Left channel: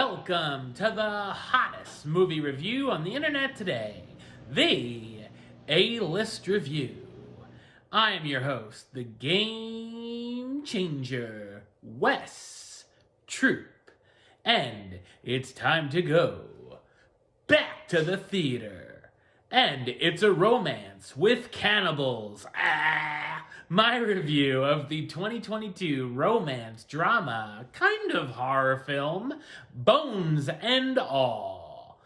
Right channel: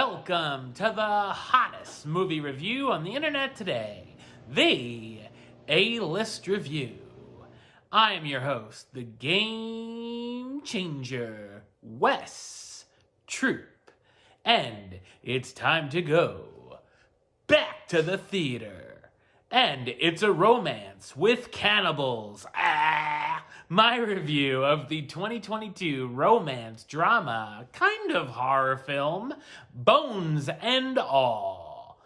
Welcome to the hottest movie review on the internet today, the A-List Review. I am your host, the Game Changer, Wes Troop, and it's time to go back to the theater. And it's a romance with cannibals. My review of the 2022 romance drama kind of horror film, Bones and All.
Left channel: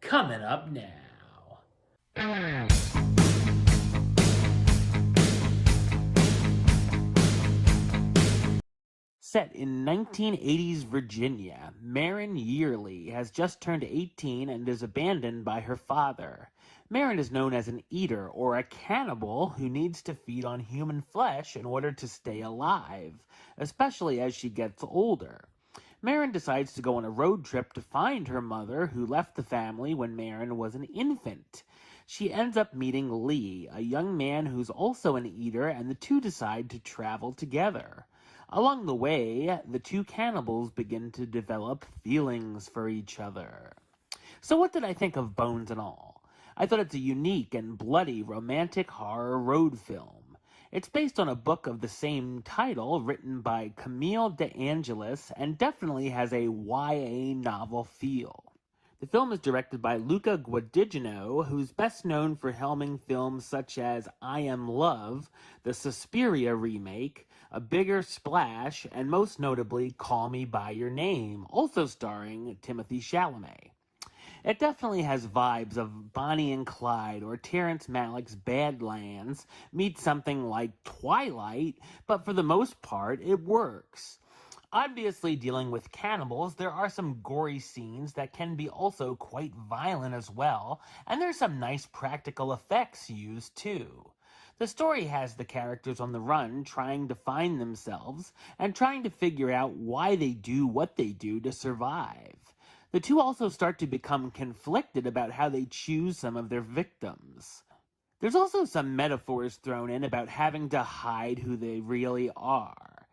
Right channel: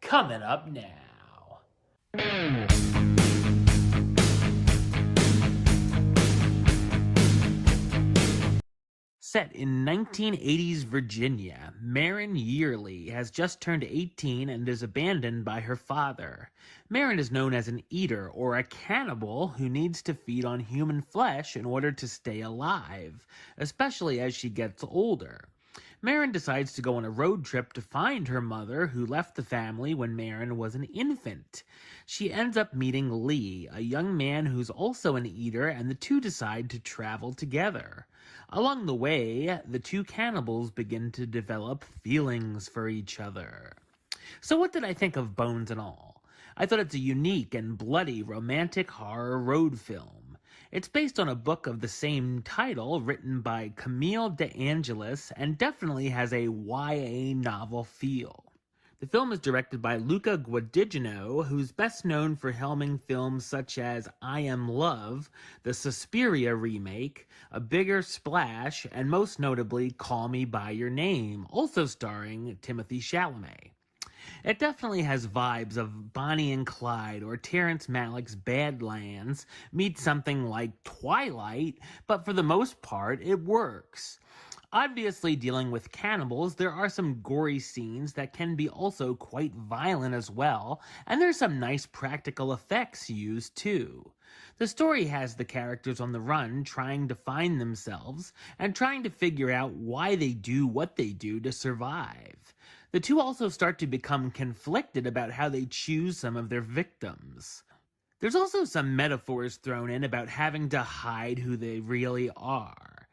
Coming up now. Set in 1980s Virginia, Marin Yearly has just turned 18 and is abandoned by her father. Marin is known as an eater or a cannibal who needs to feed on human flesh in order to stay alive, especially as she gets older. Marin decides to go on a road trip to find her mother, who left the family when Marin was an infant. She ends up meeting Lee, a young man who's also an eater, and the two decide to travel together. Along the way, the two cannibals begin to develop feelings for each other. So what did I think of Bones and All? I thought it's a unique and bloody romantic horror road film. It's based on a book of the same title written by Camille DeAngelis and definitely has a YA novel feel. The film is directed by Luca Guadagnino, who's best known for helming films such as I Am Love, the Suspiria remake, A Bigger Splash, and most notably Call Me By Your Name, also starring Timothée Chalamet. It definitely has vibes of Bonnie and Clyde or Terrence Malick's Badlands meets something like Twilight, but for the most part, it works. Obviously, dealing with cannibals, there are some gory scenes that can be also quite violent as well, and there's some nice practical effects used too. The story has the characters on the run trying to find themselves and trying to figure out why they do what they do to survive. The two also start to become conflicted about how they choose some of their victims. There's also some metaphors thrown in about having to hide who they really are.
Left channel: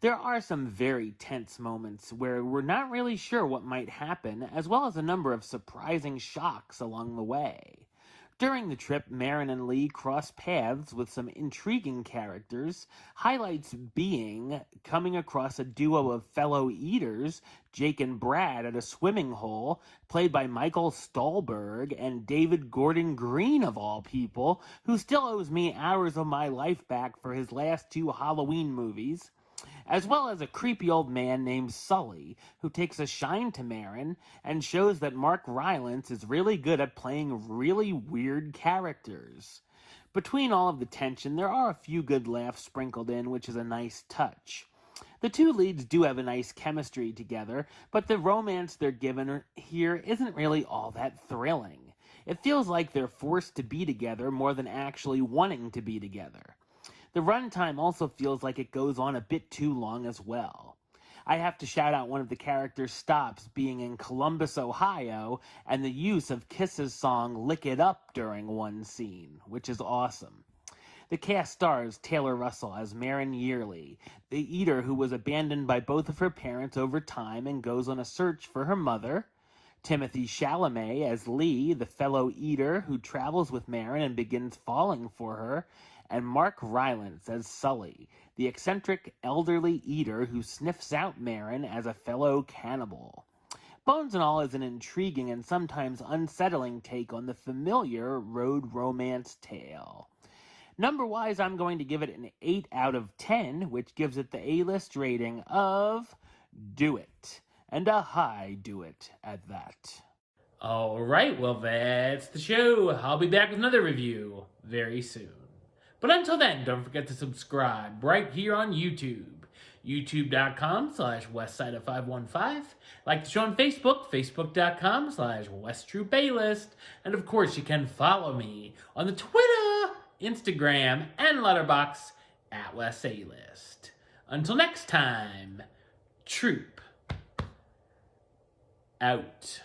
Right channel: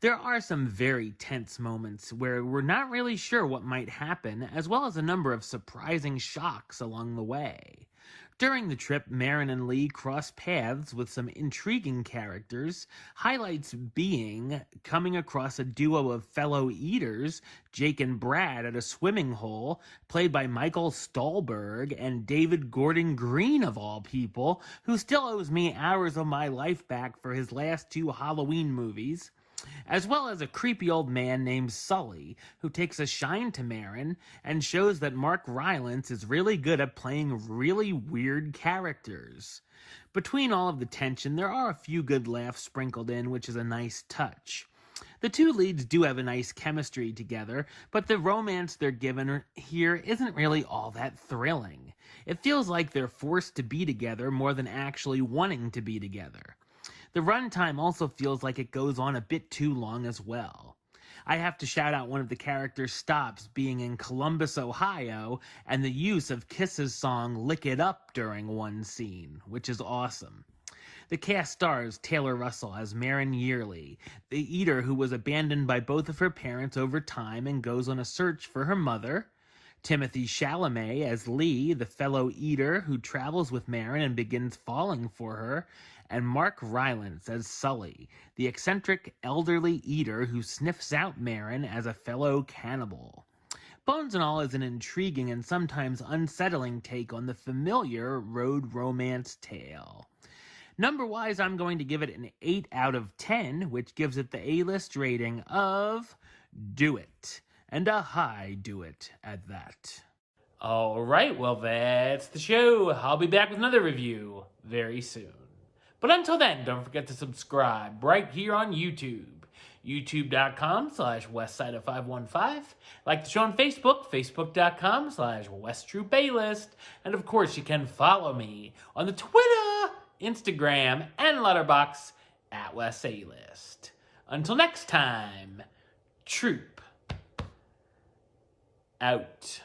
There are some very tense moments where we're not really sure what might happen, as well as a number of surprising shocks along the way. During the trip, Marin and Lee cross paths with some intriguing characters, highlights being coming across a duo of fellow eaters, Jake and Brad at a swimming hole, played by Michael Stuhlbarg and David Gordon Green of all people, who still owes me hours of my life back for his last two Halloween movies, as well as a creepy old man named Sully, who takes a shine to Marin and shows that Mark Rylance is really good at playing really weird characters. Between all of the tension, there are a few good laughs sprinkled in, which is a nice touch. The two leads do have a nice chemistry together, but the romance they're given here isn't really all that thrilling. It feels like they're forced to be together more than actually wanting to be together. The runtime also feels like it goes on a bit too long as well. I have to shout out one of the characters' stops being in Columbus, Ohio, and the use of Kiss's song Lick It Up during one scene, which is awesome. The cast stars Taylor Russell as Marin Yearly, the eater who was abandoned by both of her parents over time and goes on a search for her mother, Timothée Chalamet as Lee, the fellow eater who travels with Marin and begins falling for her, and Mark Rylance as Sully, the eccentric elderly eater who sniffs out Marin as a fellow cannibal. Bones and All is an intriguing and sometimes unsettling take on the familiar road romance tale. Number-wise, I'm going to give it an 8 out of 10, which gives it the A-list rating of Do It, and a high do it at that. Alright, well that's the show. I'll be back with another review very soon. But until then, don't forget to subscribe right here on YouTube. YouTube.com/Westside515. Like the show on Facebook, Facebook.com/WesTroopAlist. And of course, you can follow me on the Twitter, Instagram, and Letterboxd at WesAlist. Until next time, Troop out.